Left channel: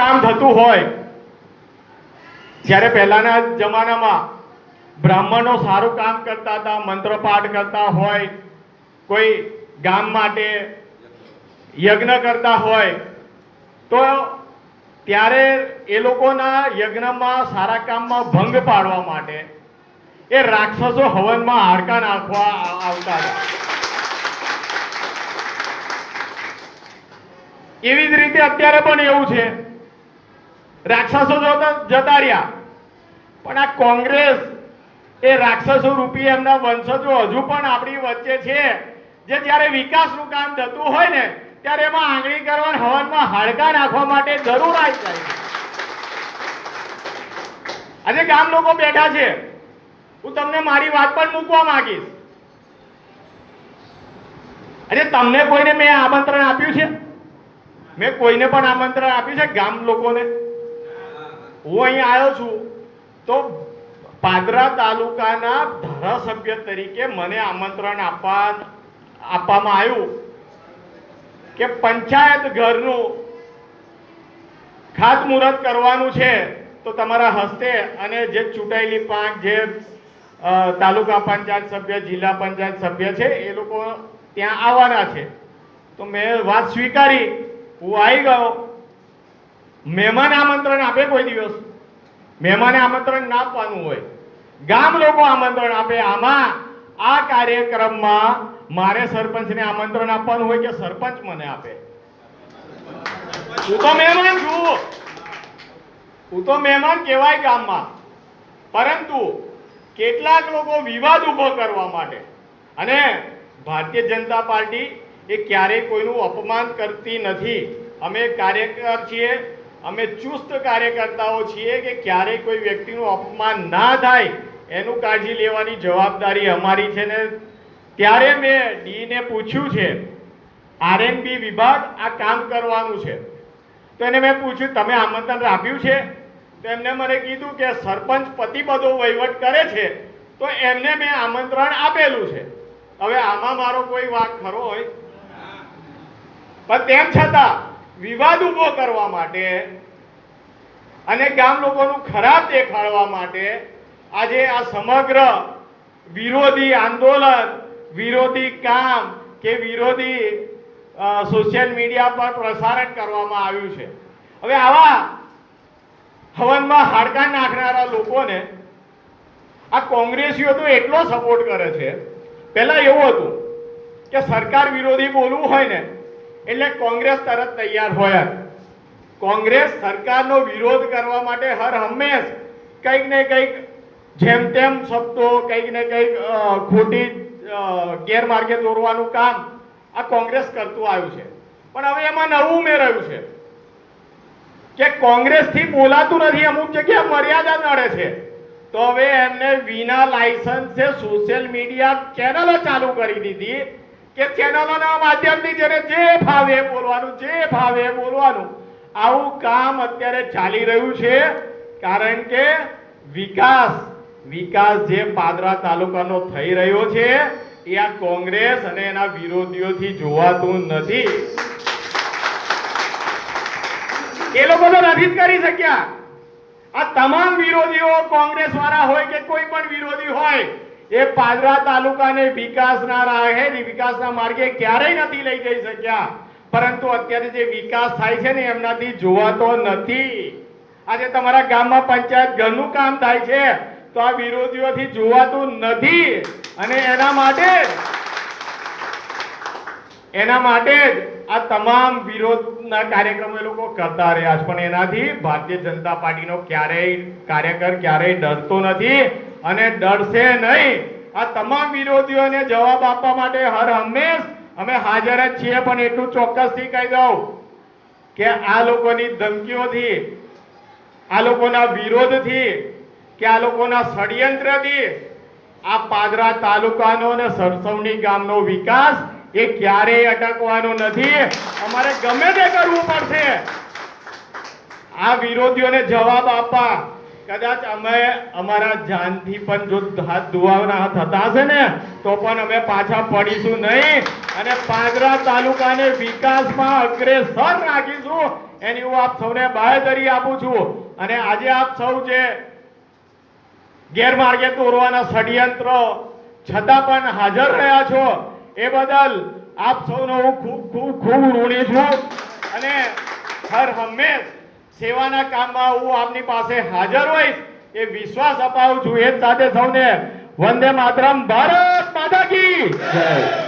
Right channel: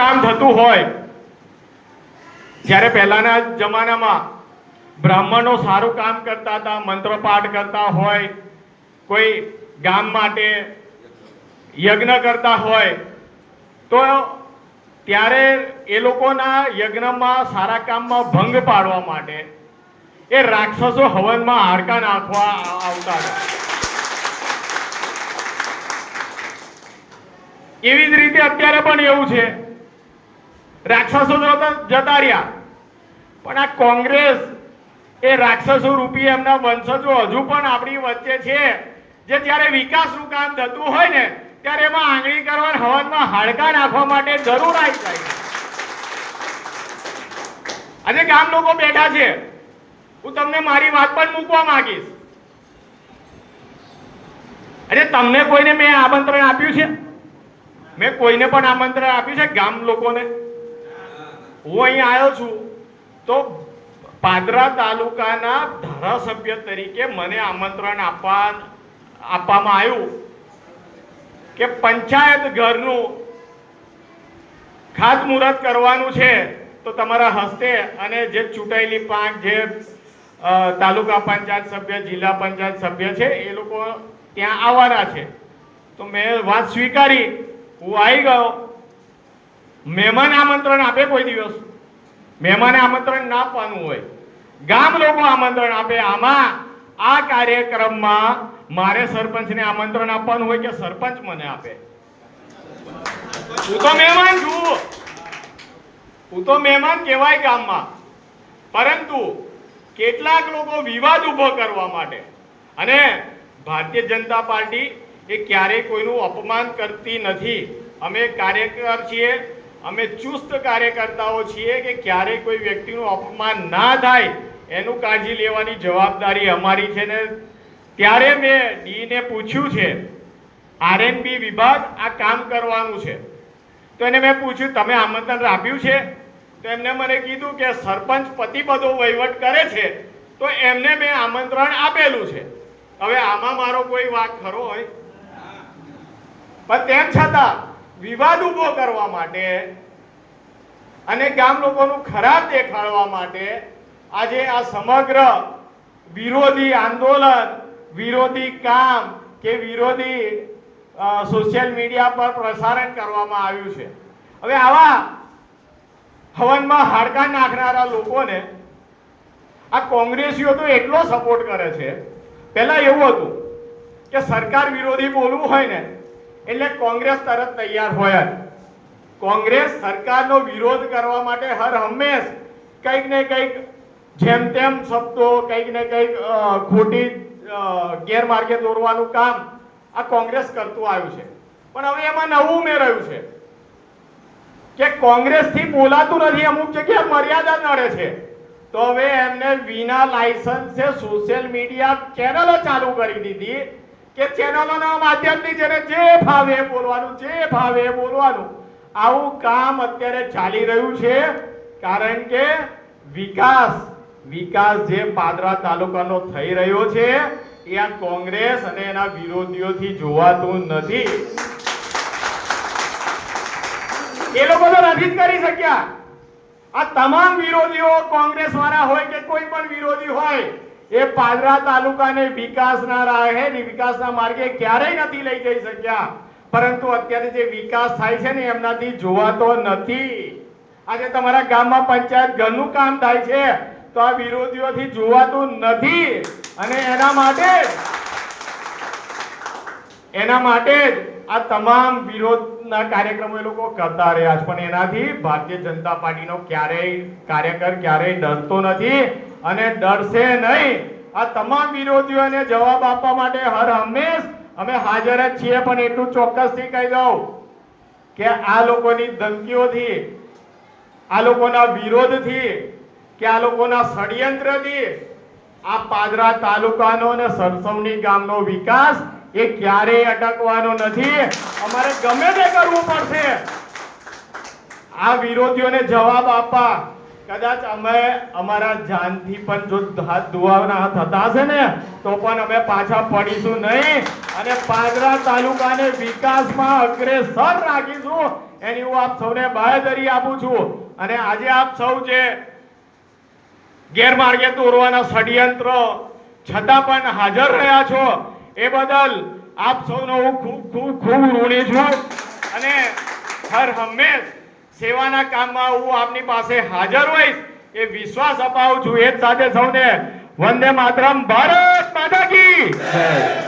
કામ થતું હોય, જ્યારે પહેલાના જમાનામાં બ્રાહ્મણો સારું કામ કરતા હતા, મંત્રપાઠ કરતા હોય, કોઈ ગામ માટે યજ્ઞ કરતા હોય, તો ત્યારે એ લોકોના યજ્ઞમાં સારા કામમાં ભંગ પાડવા માટે એ રાક્ષસો હવનમાં હાડકા નાખવા આવતા હતા. એવી જ રીતે અત્યારે પણ એવું છે. રાક્ષસો જતા રહ્યા, પણ આ કોંગ્રેસ એ રાક્ષસો રૂપી એમના વંશજો હજુ પણ આપણી વચ્ચે છે, જે જ્યારે વિકાસનું કામ થતું હોય ને ત્યારે એમાં આંગળી કરવા હવનમાં હાડકા નાખવા માટે જરૂર આવી જાય છે. આજે ગામ લોકો બેઠા છે, હું તમને મારી વાત પણ મૂકવા માંગીશ. આજે તમને કોઈને મેં આમંત્રણ આપ્યું છે? મેં કોઈને પણ આમંત્રણ આપ્યું છે ગામ લોકોને? હું અહીં આવ્યો છું તો પાદરા તાલુકાના ધારાસભ્ય તરીકે મને આમંત્રણ આપવામાં આવ્યું કે પંચાયત ઘરનું ખાતમુહૂર્ત કરવાનું છે, તો તમારા હસ્તે અને જે ચૂંટાયેલી પાંચ જે તાલુકા પંચાયત સભ્ય, જિલ્લા પંચાયત સભ્ય છે એ લોકો ત્યાં આવવાના છે. તો મેં વાત સ્વીકારી, હું આવી ગયો. મહેમાન આમંત્રણ આપે કોઈ દિવસ? મહેમાને આમંત્રણ ના આપવાનું હોય, ગામ લોકો આમંત્રણ આપે. આમાં આ કાર્યક્રમમાં મારે સરપંચને આમંત્રણ આપવાનું હોય કે સરપંચ મને આપે? હું તો મહેમાન છું, હું તો મહેમાન કહેવાય ગામમાં. પરંતુ કેટલાક લોકો વિવાદ ઉભો કરવા માટે, અને ભારતીય જનતા પાર્ટી એ ક્યારેય કોઈનું અપમાન કરતી નથી. અમે કાર્યકર છીએ, અમે ચુસ્ત કાર્યકર્તાઓ છીએ કે ક્યારેય કોઈ વ્યક્તિનું અપમાન ના થાય એનું કાળજી લેવાની જવાબદારી અમારી છે. ને ત્યારે મેં ડીને પૂછ્યું છે, આરએનબી વિભાગ આ કામ કરવાનું છે, તો એને મેં પૂછ્યું તમે આમંત્રણ આપ્યું છે? તો એમને મને કીધું કે સરપંચ પતિ બધો વહીવટ કરે છે, તો એમને મેં આમંત્રણ આપેલું છે. હવે આમાં મારો કોઈ વાંક ખરો હોય? પણ તેમ છતાં વિવાદ ઉભો કરવા માટે અને ગામ લોકોનું ખરાબ દેખાડવા માટે આજે આ સમગ્ર વિરોધી આંદોલન, વિરોધી કામ કે વિરોધી સોશિયલ મીડિયા પર પ્રસારણ કરવામાં આવ્યું છે. હવે આવા હવનમાં હાડકા નાખનારા લોકોને આ કોંગ્રેસીઓ તો એટલો સપોર્ટ કરે છે. પહેલા એવું હતું કે સરકાર વિરોધી બોલવું હોય ને એટલે કોંગ્રેસ તરત તૈયાર હોય. કોંગ્રેસ સરકારનો વિરોધ કરવા માટે હર હંમેશ કંઈક ને કંઈક જેમ તેમ શબ્દો, કંઈક ને કંઈક ખોટી ગેરમાર્ગે દોરવાનું કામ આ કોંગ્રેસ કરતું આવ્યું છે. પણ હવે એમાં નવું ઉમેરાયું છે કે કોંગ્રેસથી બોલાતું નથી, અમુક જગ્યાએ મર્યાદા નડે છે, તો હવે એમને વિના લાયસન્સે સોશિયલ મીડિયા ચેનલો ચાલુ કરી દીધી કે ચેનલોના માધ્યમથી જેને જે ભાવે બોલવાનું, જે ભાવે બોલવાનું. આવું કામ અત્યારે ચાલી રહ્યું છે, કારણ કે વિકાસ જે પાદરા તાલુકાનો થઈ રહ્યો છે એ આ કોંગ્રેસ અને એના વિરોધીઓથી જોવાતું નથી. એ લોકો તો નથી જ કરી શક્યા. આ તમામ વિરોધીઓ, કોંગ્રેસ વાળા હોય કે કોઈ પણ વિરોધી હોય, એ પાદરા તાલુકાને વિકાસના રાહે, વિકાસના માર્ગે ક્યારેય નથી લઈ જઈ શક્યા. પરંતુ અત્યારે જે વિકાસ થાય છે ને એમનાથી જોવાતો નથી. આજે તમારા ગામમાં પંચાયત ઘરનું કામ થાય છે તો આ વિરોધીઓથી જોવાતું નથી. અને એના માટે જ આ તમામ વિરોધના કાર્યક્રમો એ લોકો કરતા રહ્યા છે. પણ એનાથી ભારતીય જનતા પાર્ટીનો કાર્યકર ક્યારેય ડરતો નથી અને ડરશે નહીં. આ તમામ વિરોધીઓને જવાબ આપવા માટે હર હંમેશ અમે હાજર જ છીએ. પણ એટલું ચોક્કસથી કહી દઉં કે આ લોકોની ધમકીઓથી, આ લોકોના વિરોધથી કે આ લોકોના ષડયંત્રથી આ પાદરા તાલુકાનો અને સરસવણી ગામનો વિકાસ એ ક્યારેય અટકવાનો નથી. અમારે ગમે તે કરવું પડશે આ વિરોધીઓને જવાબ આપવા. કદાચ અમે અમારા જાનથી પણ જો હાથ ધોવાના થતા હશે ને તો પણ અમે પાછા પડીશું નહીં અને પાદરા તાલુકાને વિકાસમાં અગ્રેસર રાખીશું, એની હું આપ સૌને બાહેધરી આપું છું. અને આજે આપ સૌ જે ગેરમાર્ગે દોરવાના ષડયંત્ર છતાં પણ હાજર રહ્યા છો એ બદલ આપ સૌનો હું ખૂબ ઋણી છું. અને હર હંમેશ સેવાના કામમાં હું આપની પાસે હાજર હોઈશ એ વિશ્વાસ અપાવું છું. એ જ સાથે સૌને વંદે માતરમ, ભારત માતા કી જય.